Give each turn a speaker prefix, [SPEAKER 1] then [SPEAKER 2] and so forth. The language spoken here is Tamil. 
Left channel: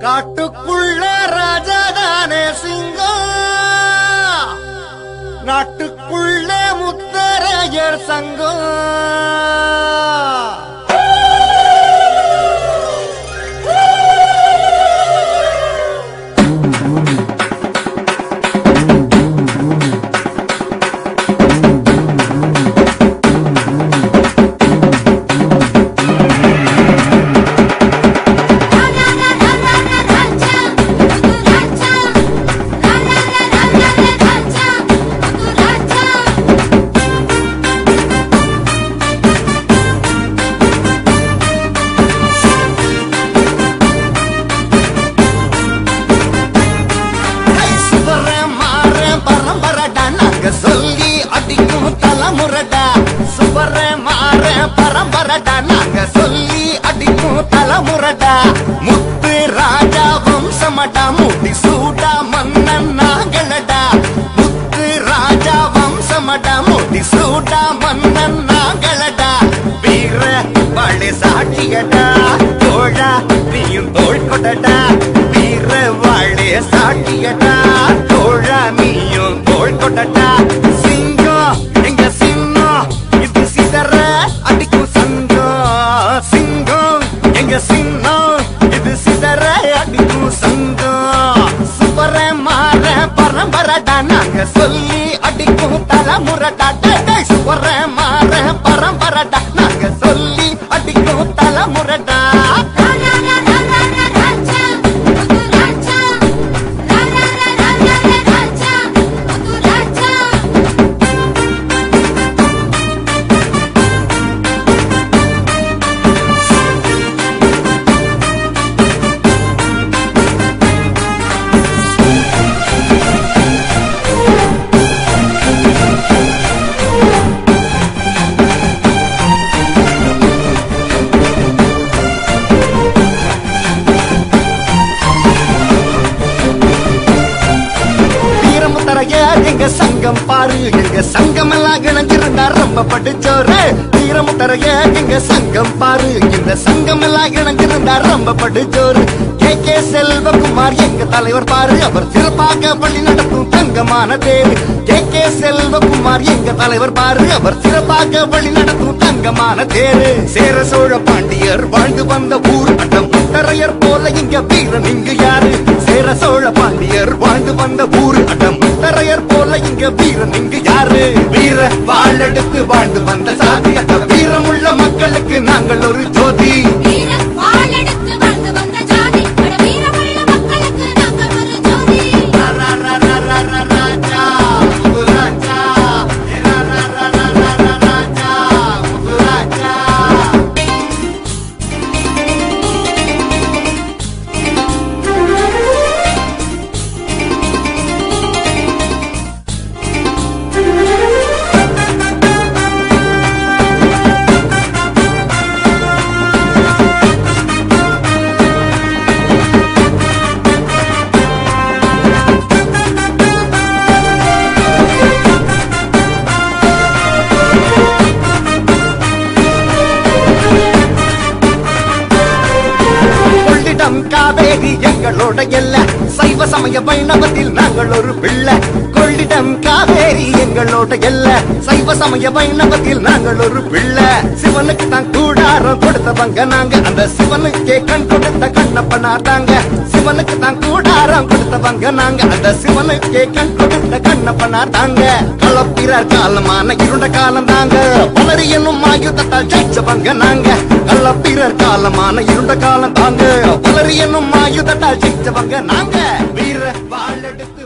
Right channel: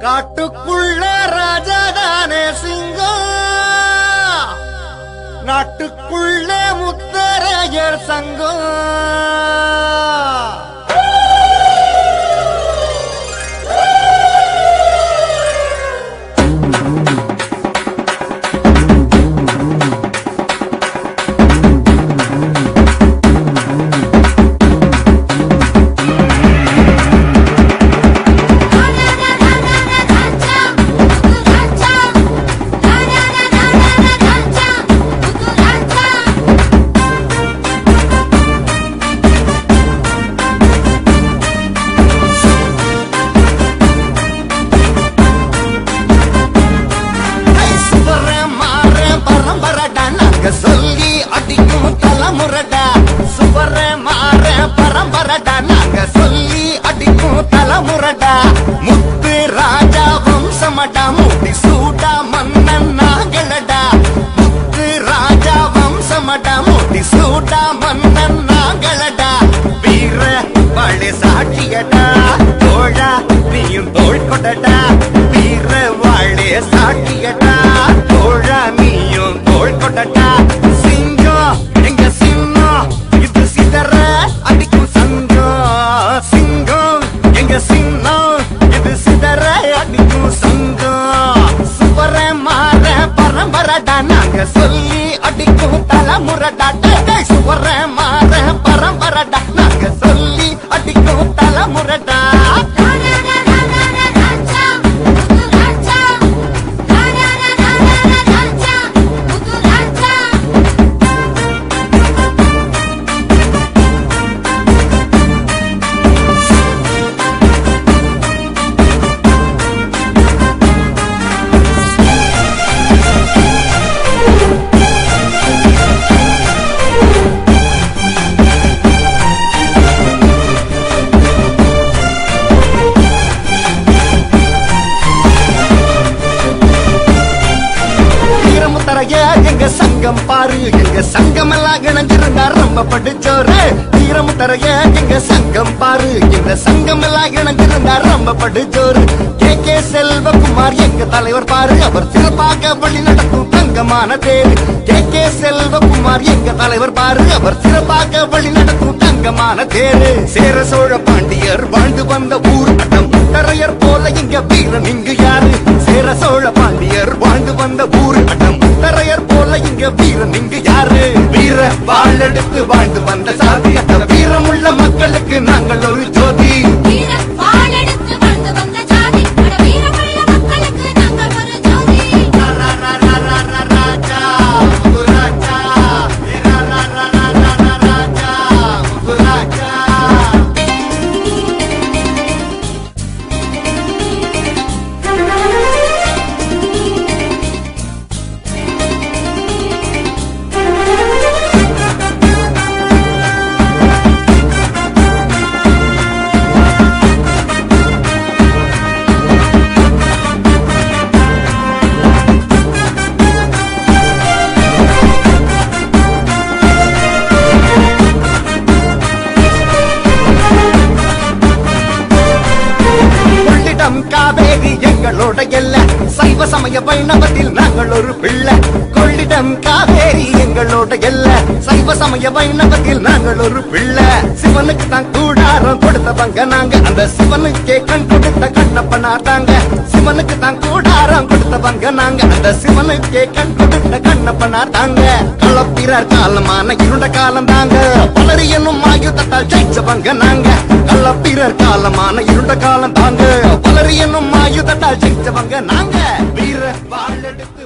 [SPEAKER 1] காட்டுக்குள்ள ராஜாதானே சிங்கம் நாட்டுக்குள்ள முத்தரையர் சங்கம் அடிக்கும் தலைமுறடா சுவர மாற பரம்பரடா. நாங்க சொல்லி அடிக்கும் தலைமுறடா முத்து ராஜா வம்சமடா முடி சூடா மன்னன் நாங்களடா. முத்து ராஜா வம்சமடா முடி சூடா மன்னன் நாங்களடா. வீர வாழை சாட்சியடா தோழா நீயும் தோல் கொடடா வீர வாழை சாட்சியடா தோழா நீயும் தோல் கொடடா பரம்பரடா நாங்க சொல்லி அடிக்கும் தலைமுறடா. முரடா டேய், சுவர மாற பரம்பரடா நாங்க சொல்லி அடிக்கும் தலைமுறடா. வீரமுத்தரைய எங்க சங்கம் பாரு எங்க சங்கம் எல்லாம் இணைஞ்சிருந்தா ரொம்ப படிச்சோரு. வீரமுத்தரைய எங்க சங்கம் பாரு இந்த சங்கம் எல்லாம் இணைஞ்சிருந்தா ரொம்ப படிச்சோரு. கே. கே. செல்வகுமார் எங்க தலைவர் பாரு அவர் சிறப்பாக வழி நடத்தும் தங்கமான தேர். கே. கே. செல்வகுமார் எங்க தலைவர் பாரு அவர் சிறப்பாக வழி நடத்தும் தங்கமான தேரு. சேர சோழ பாண்டியர் வாழ்ந்து வந்த ஊர் அட்ட முத்தரையர் போல இங்க வீரன் இங்கு யாரு? சேர சோழ பாண்டியர் வாழ்ந்து வந்த ஊரு அடம். முத்தரையர் போல இங்க வீரன் இங்கு யாரு? வீர வாழெடுத்து வாழ்ந்து வந்த சாதி அந்த வீரமுள்ள மக்களுக்கு நாங்கள் ஒரு காவேரி எங்களோட எல்ல. சைவ சமய வைணவத்தில் நாங்கள் ஒரு பிள்ளை. கொள்ளிடம் காவேரி எங்களோட எல்ல. சைவ சமய வைணவத்தில் நாங்கள் ஒரு பிள்ளை. சிவனுக்கு தான் கூடாரம் கொடுத்தவங்க நாங்க. அந்த சிவனுக்கே கண் கொடுத்த கண்ணப்பனார் தாங்க. சிவனுக்கு தான் கூடாரம் கொடுத்தவங்க நாங்க. அந்த சிவனுக்கே கண் கொடுத்த கண்ணப்பனார் தாங்க. களப்பிறர் காலமான இருண்ட காலம் தாங்க. பலரி என்னும் ஆயுதத்தால் ஜெயிச்சவங்க நாங்க. கள்ளப்பிறர் காலமான இருண்ட காலம் தாங்க. பலரி என்னும் ஆயுதத்தால் ஜெயிச்சவங்க நாங்க. வீர வாழெடுத்து